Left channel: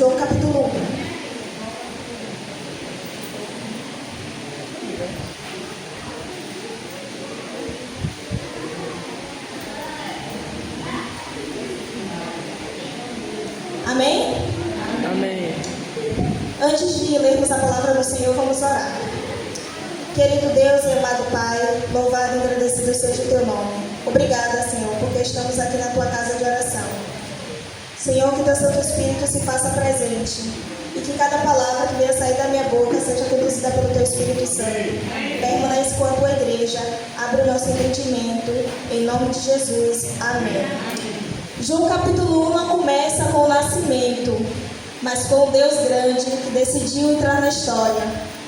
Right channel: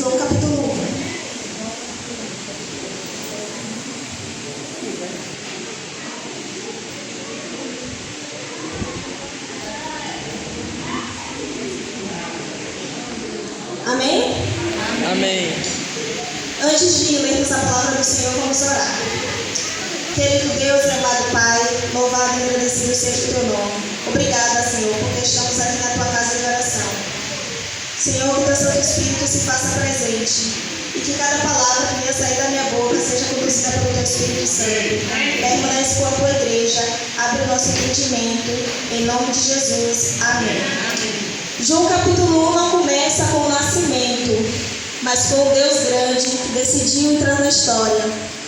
João capítulo 1. Amém? Amém. Antes de lermos a palavra do Senhor, vamos orar. Querido Deus e amado Pai, louvado e agradecido seja o teu nome. Obrigada, Senhor, porque estamos aqui na tua casa de oração. Senhor, que teu Santo Espírito se faça presente e que cada palavra que venha sair da minha boca seja conduzida pelo teu Espírito Santo. Permanece com a tua igreja, abre o nosso entendimento, em nome de Jesus. Amém. João capítulo 1 não começa com o nascimento, mas com o Deus grande que decidiu entrar na história.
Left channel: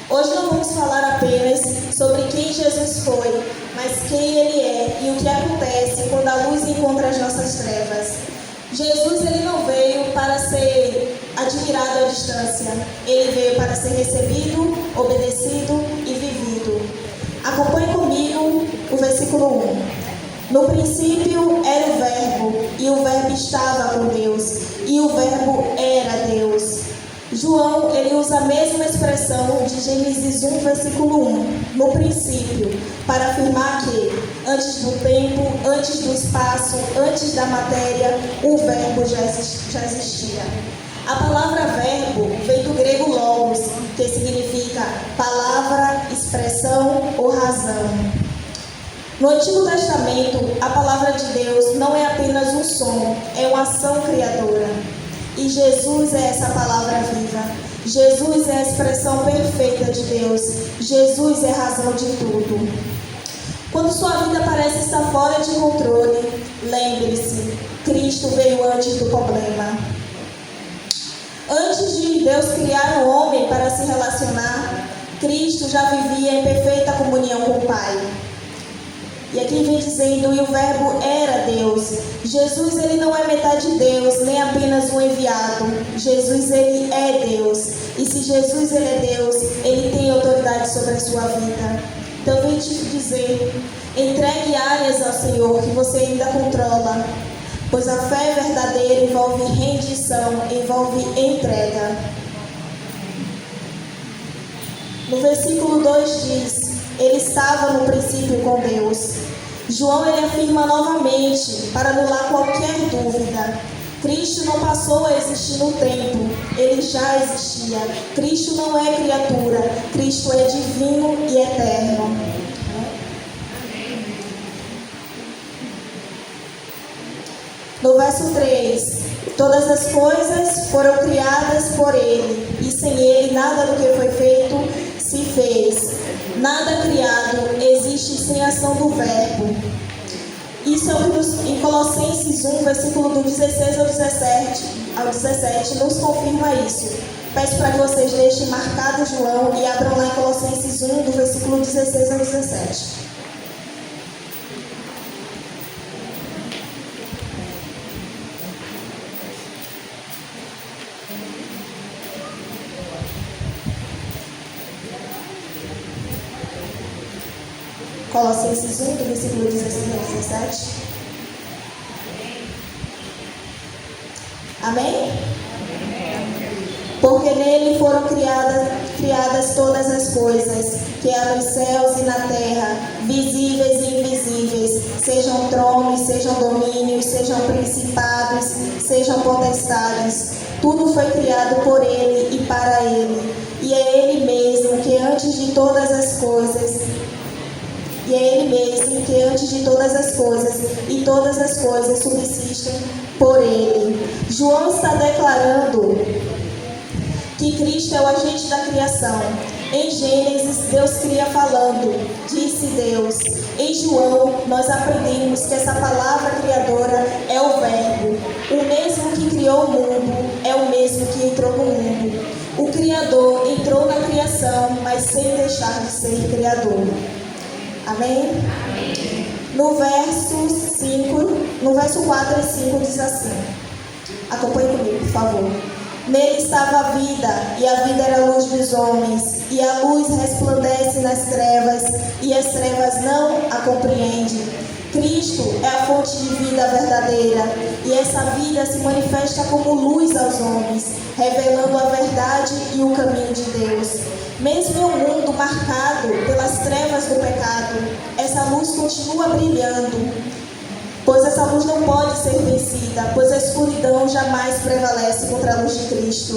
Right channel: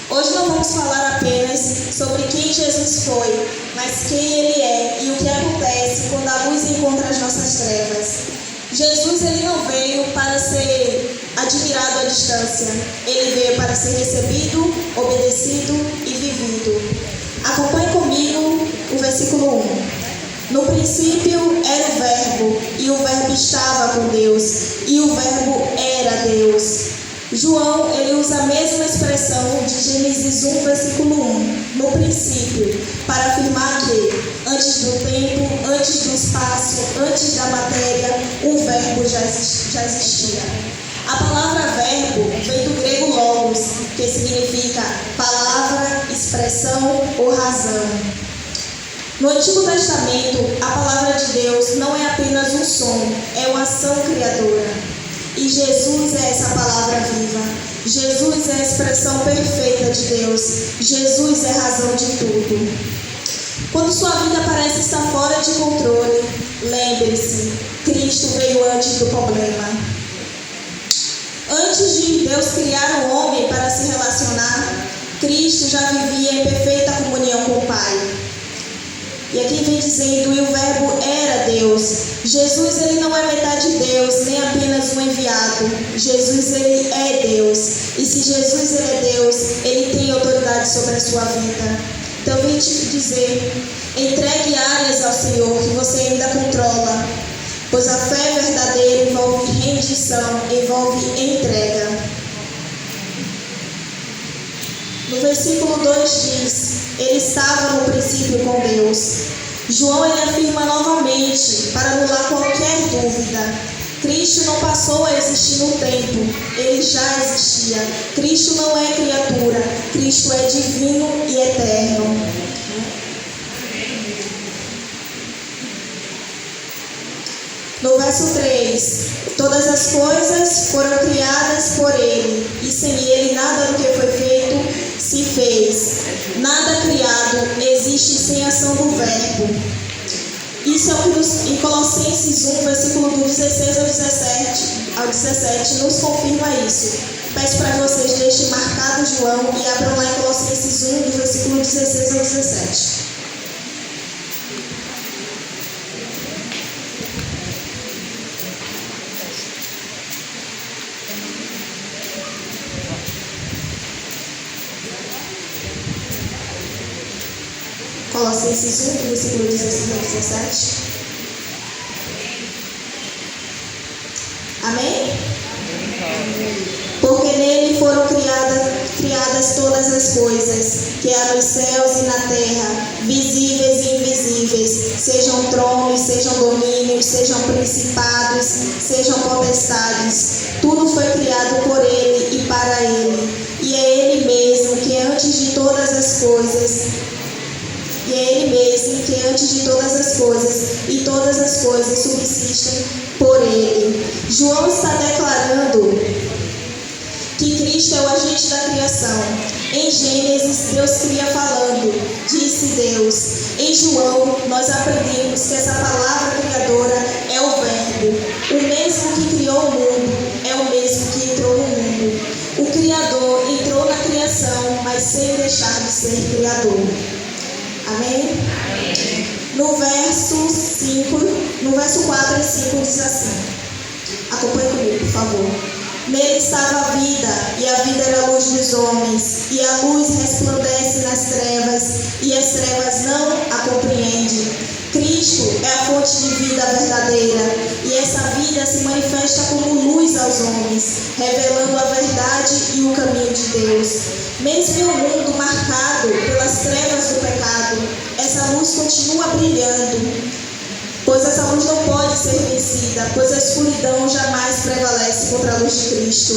Hoje não vamos falar apenas sobre quem Jesus foi, mas quem Ele é e o que acontece quando a luz encontra as nossas trevas. Jesus ele não veio para ser admirado à distância, Ele veio para ser recebido, obedecido e vivido. Acompanhe comigo o versículo 1. No princípio era o Verbo, e o Verbo estava com Deus, e o Verbo era Deus. João, ele usa a mesma expressão de Gênesis 1, versículo 1, no princípio, para afirmar que, antes do tempo, antes do espaço, antes da matéria, o Verbo já existia. A palavra verbo vem do grego logos, que significa palavra, expressão ou razão. No Antigo Testamento, a palavra de Deus não é apenas um som, é uma ação criadora. E Jesus é essa palavra viva. Jesus é a expressão perfeita de Deus. Jesus é a razão de tudo. Quando sua vida parece estar fora de controle, lembre-se, Cristo veio antes do problema. Antes de Deus criar o homem para se relacionar, Cristo já vivia em perfeita comunhão com o Pai. E aqui vem dizendo, e o Verbo era Deus. Jesus, ele não é metade Deus, nem apenas um enviado. Jesus, ele é Deus. E se Jesus, ele é Deus, ele tem autoridade sobre a sua vida. Então, eu vim te dizer, entregue áreas ao Senhor que você ainda controla. Pois a fé verdadeira envolve rendição, envolve entrega. No versículo 2 diz, ele estava no princípio com Deus. João ele afirma novamente, para anular qualquer dúvida, Cristo não passou a existir no tempo, ele já existia. Cristo não é criatura, Cristo é divino e eterno. No verso 3, todas as coisas foram criadas por ele, e sem ele nada do que foi feito se fez. Nada criado existe sem a ação do Verbo. Isso é o que em Colossenses 1, versículo do 16 ao 17, nos confirma isso. Peço para que vocês deixem marcado João e abram lá em Colossenses 1, do versículo 16 ao 17. Colossenses 1, do versículo 16 ao 17. Amém? Porque nele foram criadas todas as coisas, que há nos céus e na terra, visíveis e invisíveis, sejam tronos, sejam domínios, sejam principados, sejam potestades. Tudo foi criado por ele e para ele. E é ele mesmo que antes de todas as coisas, e todas as coisas subsistem por ele. João está declarando que Cristo é o agente da criação. Em Gênesis, Deus cria falando, disse Deus. Em João, nós aprendemos que essa palavra criadora é o Verbo. O mesmo que criou o mundo é o mesmo que entrou no mundo. O Criador entrou na criação, mas sem deixar de ser Criador. Amém? No verso 4 e 5 diz assim. Acompanhe comigo, por favor. Nele estava a vida, e a vida era a luz dos homens, e a luz resplandece nas trevas, e as trevas não a compreendem. Cristo Cristo é a fonte de vida verdadeira, e essa vida se manifesta como luz aos homens, revelando a verdade e o caminho de Deus. Mesmo em um mundo marcado pelas trevas do pecado, essa luz continua brilhando, pois essa luz não pode ser vencida, pois a escuridão jamais prevalece contra a luz de Cristo.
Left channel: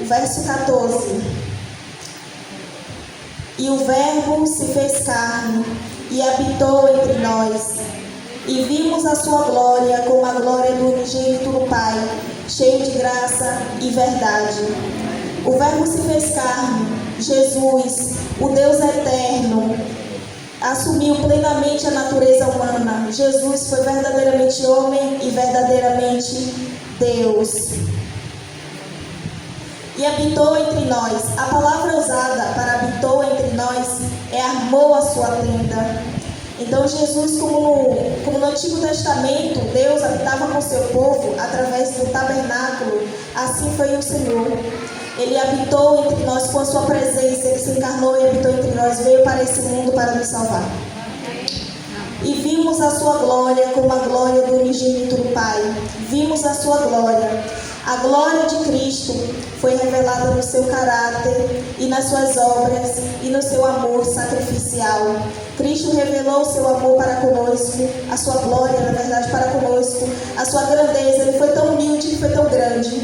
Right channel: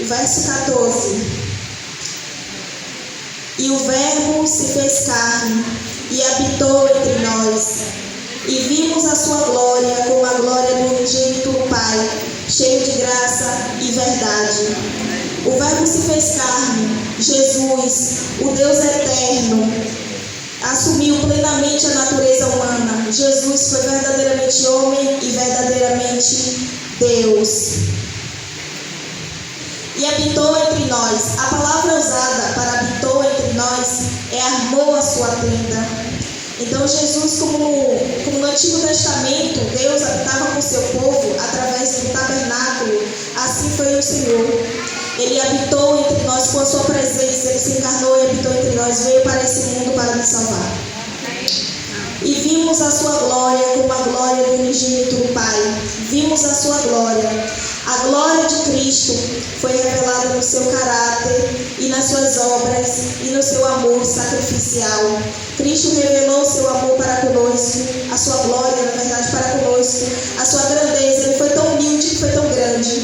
O verso 14. E o Verbo se fez carne e habitou entre nós, e vimos a sua glória como a glória do unigênito do Pai, cheio de graça e verdade. O Verbo se fez carne, Jesus, o Deus eterno, assumiu plenamente a natureza humana. Jesus foi verdadeiramente homem e verdadeiramente Deus. E habitou entre nós. A palavra usada para habitou entre nós é armou a sua tenda. Então Jesus, como no Antigo Testamento, Deus habitava com seu povo através do tabernáculo, assim foi o Senhor. Ele habitou entre nós com a sua presença, ele se encarnou e habitou entre nós, veio para esse mundo para nos salvar. E vimos a sua glória como a glória do unigênito do Pai. Vimos a sua glória. A glória de Cristo foi revelada no seu caráter e nas suas obras e no seu amor sacrificial. Cristo revelou o seu amor para conosco, a sua glória, na verdade, para conosco, a sua grandeza. Ele foi tão humilde e foi tão grande.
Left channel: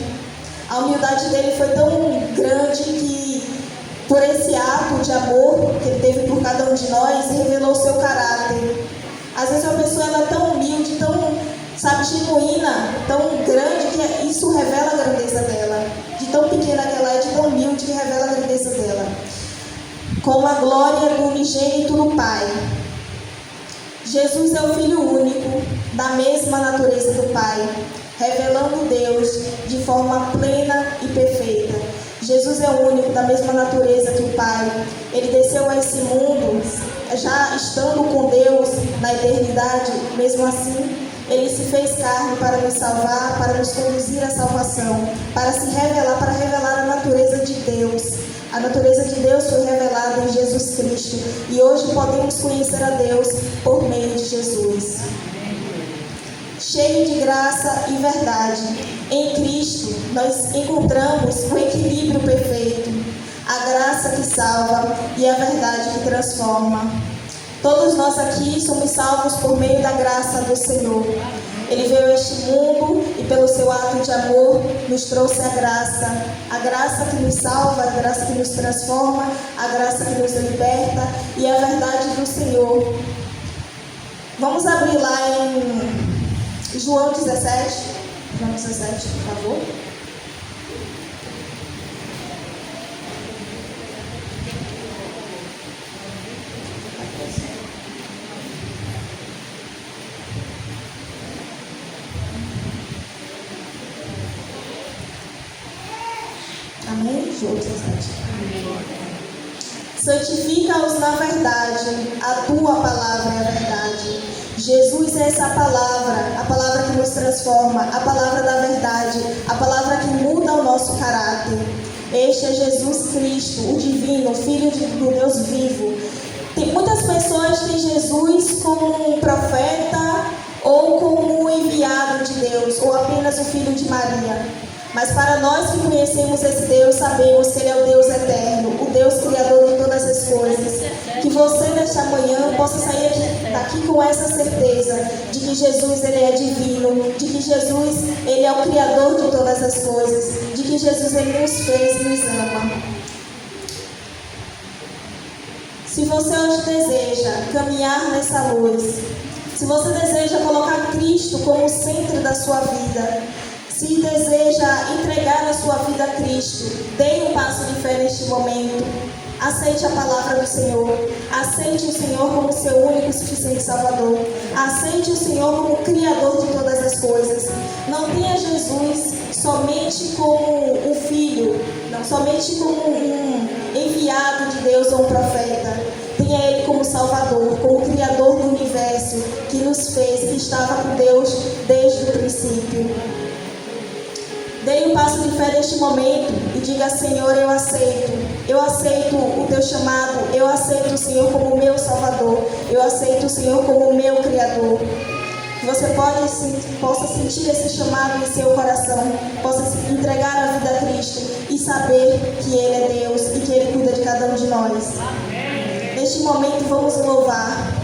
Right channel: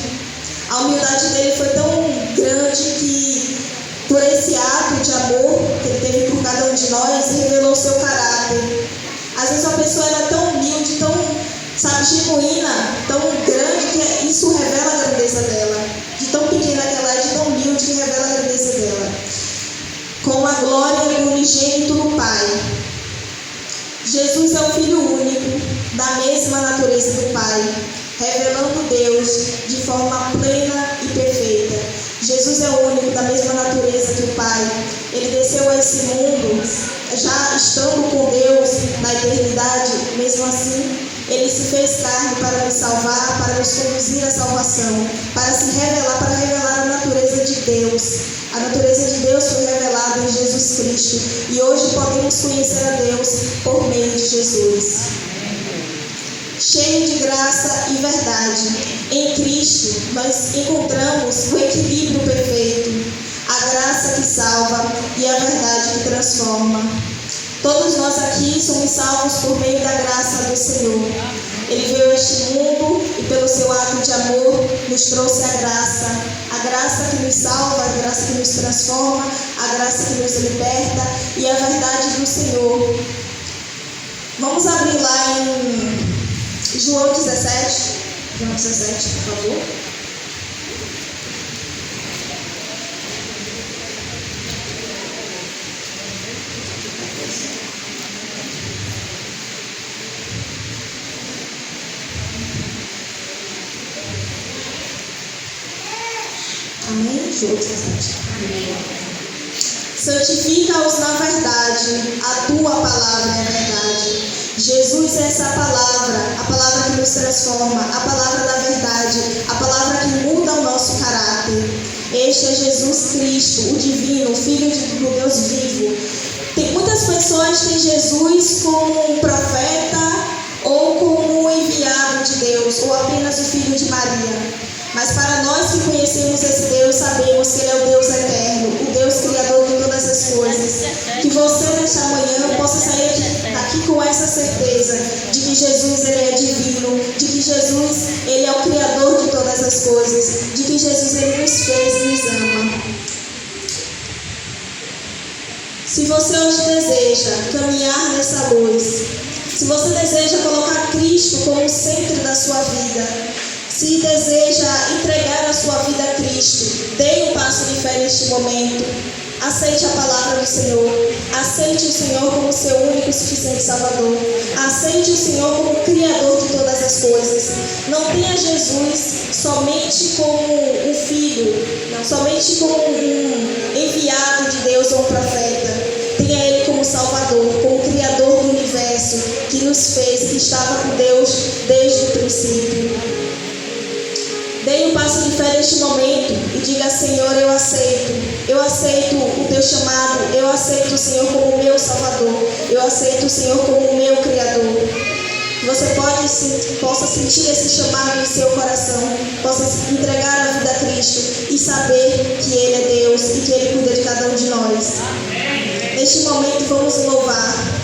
A humildade dele foi tão grande que, por esse ato de amor que ele teve por cada um de nós, revelou o seu caráter. Às vezes uma pessoa ela é tão humilde, tão, genuína, tão grande, que isso revela a grandeza dela. De tão pequena que ela é, de tão humilde, que revela a grandeza dela. Com a glória do unigênito do Pai. Jesus é o Filho único, da mesma natureza do Pai, revelando Deus de forma plena e perfeita. Jesus é o único da mesma natureza que o Pai. Ele desceu a esse mundo, já estando com Deus na eternidade. Mesmo assim, ele se fez carne para nos salvar, para nos conduzir à salvação, para se revelar, para revelar a natureza de Deus. A natureza de Deus foi revelada em Jesus Cristo, e hoje podemos conhecer a Deus por meio de Jesus. Cheio de graça e verdade. Em Cristo, nós encontramos o equilíbrio perfeito, a graça que salva e a verdade que transforma. Todos nós aqui somos salvos por meio da graça do Senhor. Ele veio a este mundo e, pelo seu ato de amor, nos trouxe a graça que nos salva, a graça que nos transforma, a graça que nos liberta e a verdade do Senhor. Vamos abrir lá em João 17. João 17, por favor. Amém? João 17. Amém. Santifica-os na verdade, a tua palavra é a verdade. Jesus é essa palavra, a palavra que nos transforma, a palavra da verdade, a palavra que muda o nosso caráter. Este é Jesus Cristo, o divino, o Filho do Deus vivo. Muitas pessoas têm Jesus como um profeta ou como um enviado de Deus, ou apenas o Filho de Maria. Mas para nós que conhecemos esse Deus, sabemos que Ele é o Deus eterno, o Deus criador de todas as coisas. Que você nesta manhã possa sair daqui com essa certeza de que Jesus Ele é divino, de que Jesus Ele é o criador de todas as coisas, de que Jesus Ele nos fez e nos ama. Se você hoje deseja caminhar nessa luz, se você deseja colocar Cristo como o centro da sua vida, se deseja entregar a sua vida a Cristo, dê um passo de fé neste momento. Aceite a palavra do Senhor. Aceite o Senhor como seu único e suficiente Salvador. Aceite o Senhor como Criador de todas as coisas. Não tenha Jesus somente como um filho, não somente como um enviado de Deus ou um profeta. Tenha Ele como Salvador, como Criador do universo, que nos fez, que estava com Deus desde o princípio. Dê um passo de fé neste momento e diga: Senhor, eu aceito o teu chamado, eu aceito o Senhor como meu Salvador, eu aceito o Senhor como o meu Criador. Você possa sentir esse chamado em seu coração, possa entregar a vida a Cristo e saber que Ele é Deus e que Ele cuida de cada um de nós. Neste momento vamos louvar.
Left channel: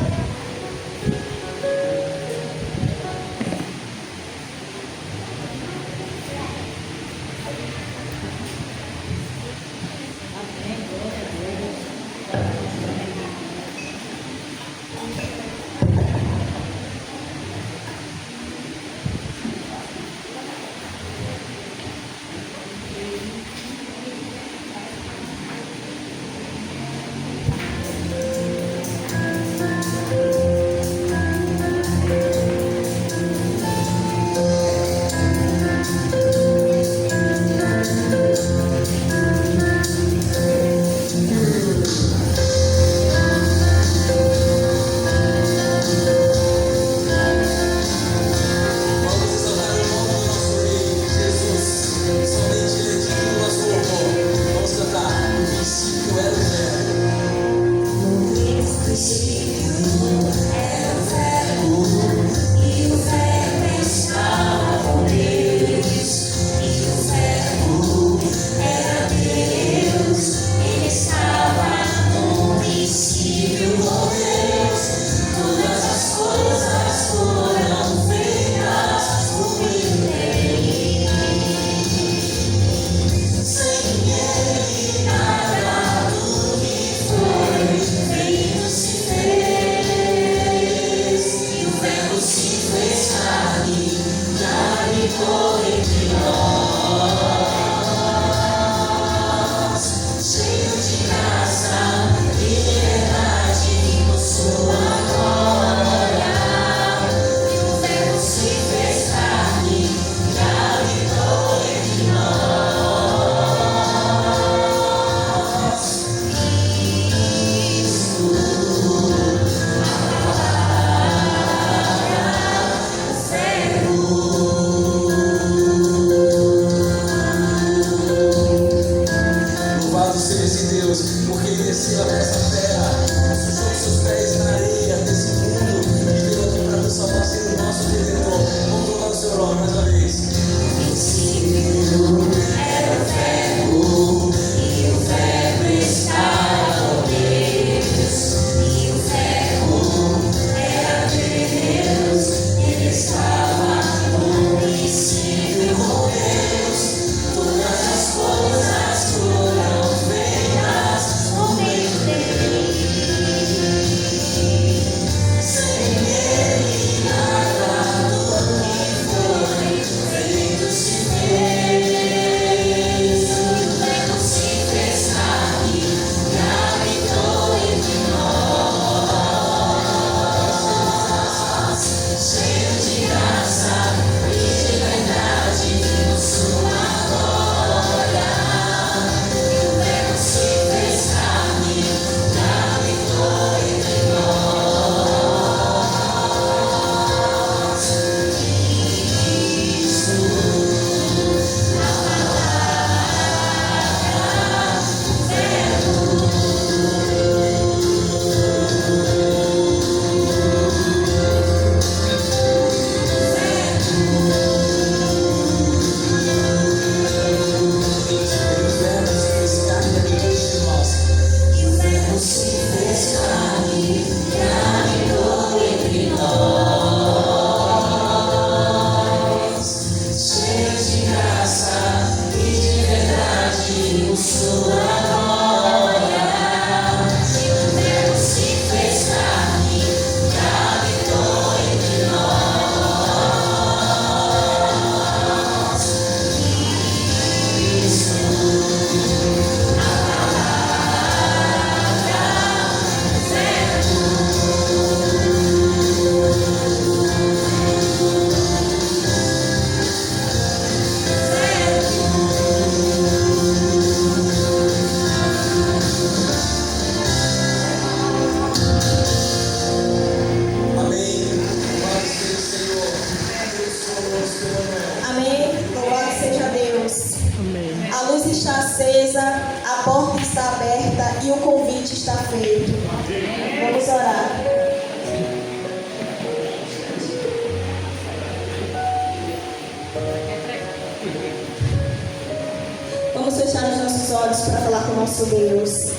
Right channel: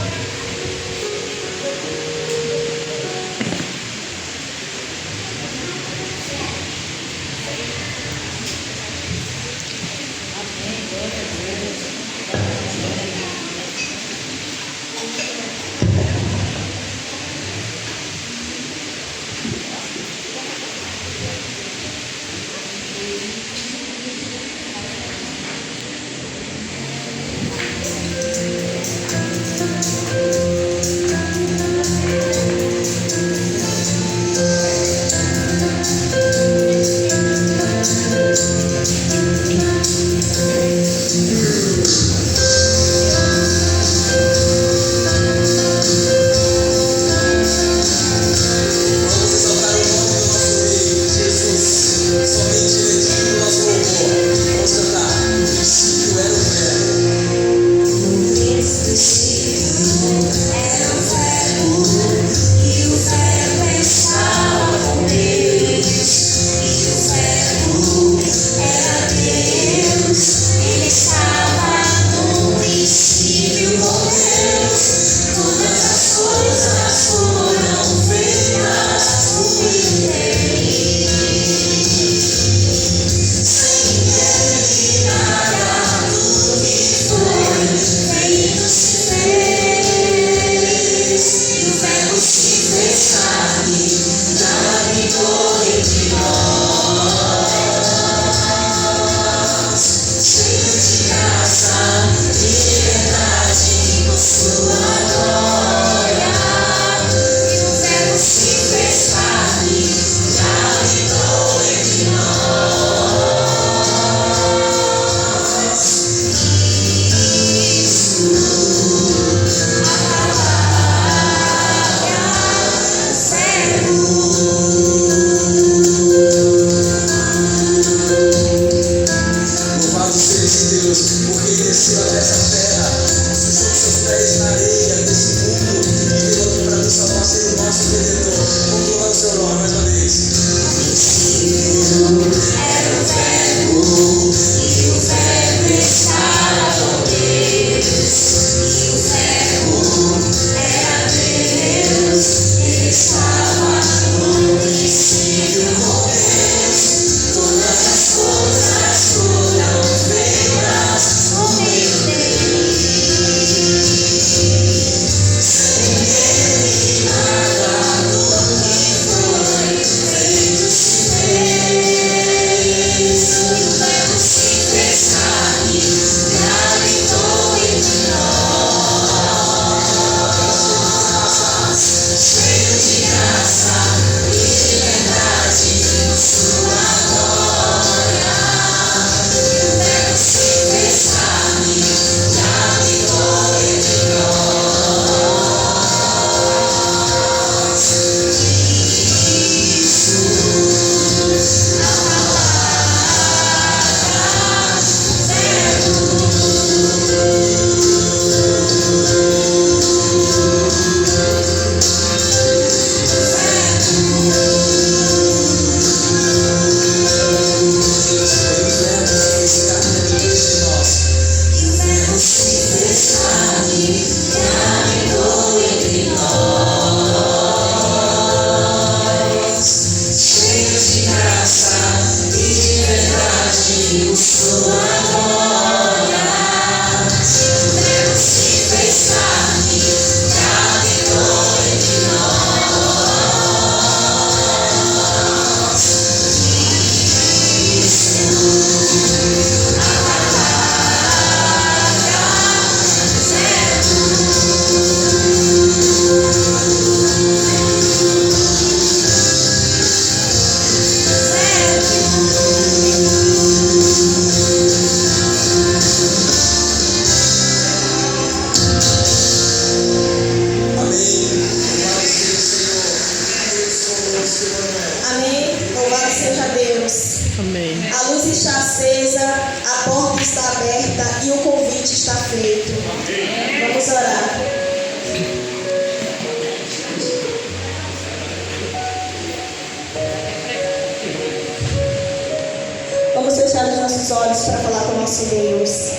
olhos para falar com o nosso Deus.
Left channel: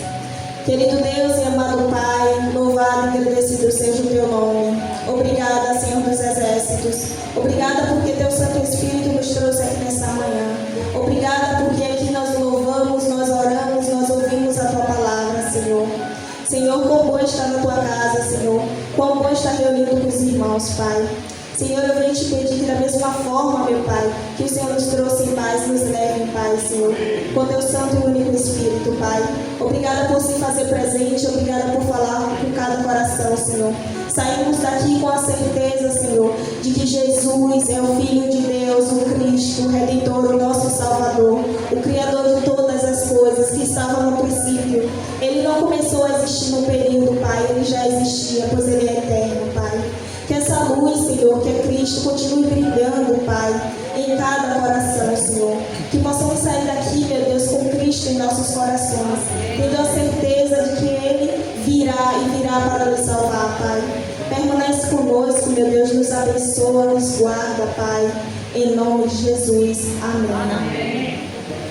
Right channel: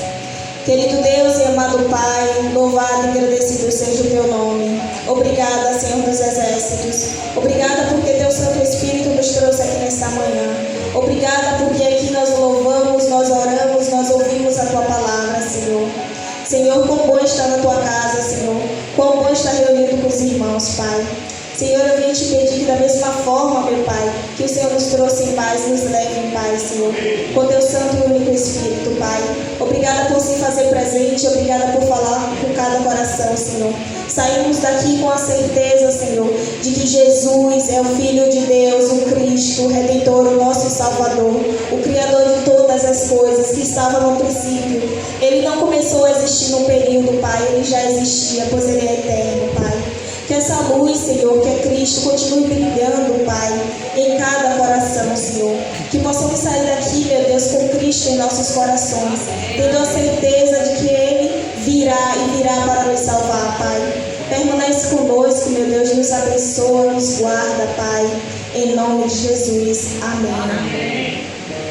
Querido Deus e amado Pai, louvado e agradecido seja o teu nome. Obrigada, Senhor dos Exércitos. Obrigada porque teu Santo Espírito nos trouxe aqui nesta manhã. Obrigada porque aqui nós louvamos, nós oramos, nós ouvimos a tua palavra, Senhor. Senhor, quão bom estar na tua casa, Senhor. Quão bom estar reunido com os irmãos, Pai. Senhor, eu venho te pedir que da mesma forma, meu Pai, que o Senhor nos trouxe em paz, nos leve em paz, Senhor, com teu santo e único Espírito, Pai. Obrigada por se fazer presente, obrigada por falar com cada coração, Senhor. Saímos daqui com a certeza, Senhor, de que Jesus é o Filho de Deus, o Cristo, o Redentor, o nosso Salvador, o Criador de todas as coisas, que estava no princípio. Ele não começou a existir num período, Pai, ele já existia, pois ele é eterno, Pai. Que essa luz, Senhor, que é Cristo, continue brilhando, Pai, em cada coração, Senhor. Que possamos sair daqui, meu Deus, com Cristo em nossos corações, tendo a certeza de que Ele virá e virá para nos salvar, Pai. Permanece conosco, meu Deus, nos abençoa, nos guarda, Pai, em nome de Jesus. Amém.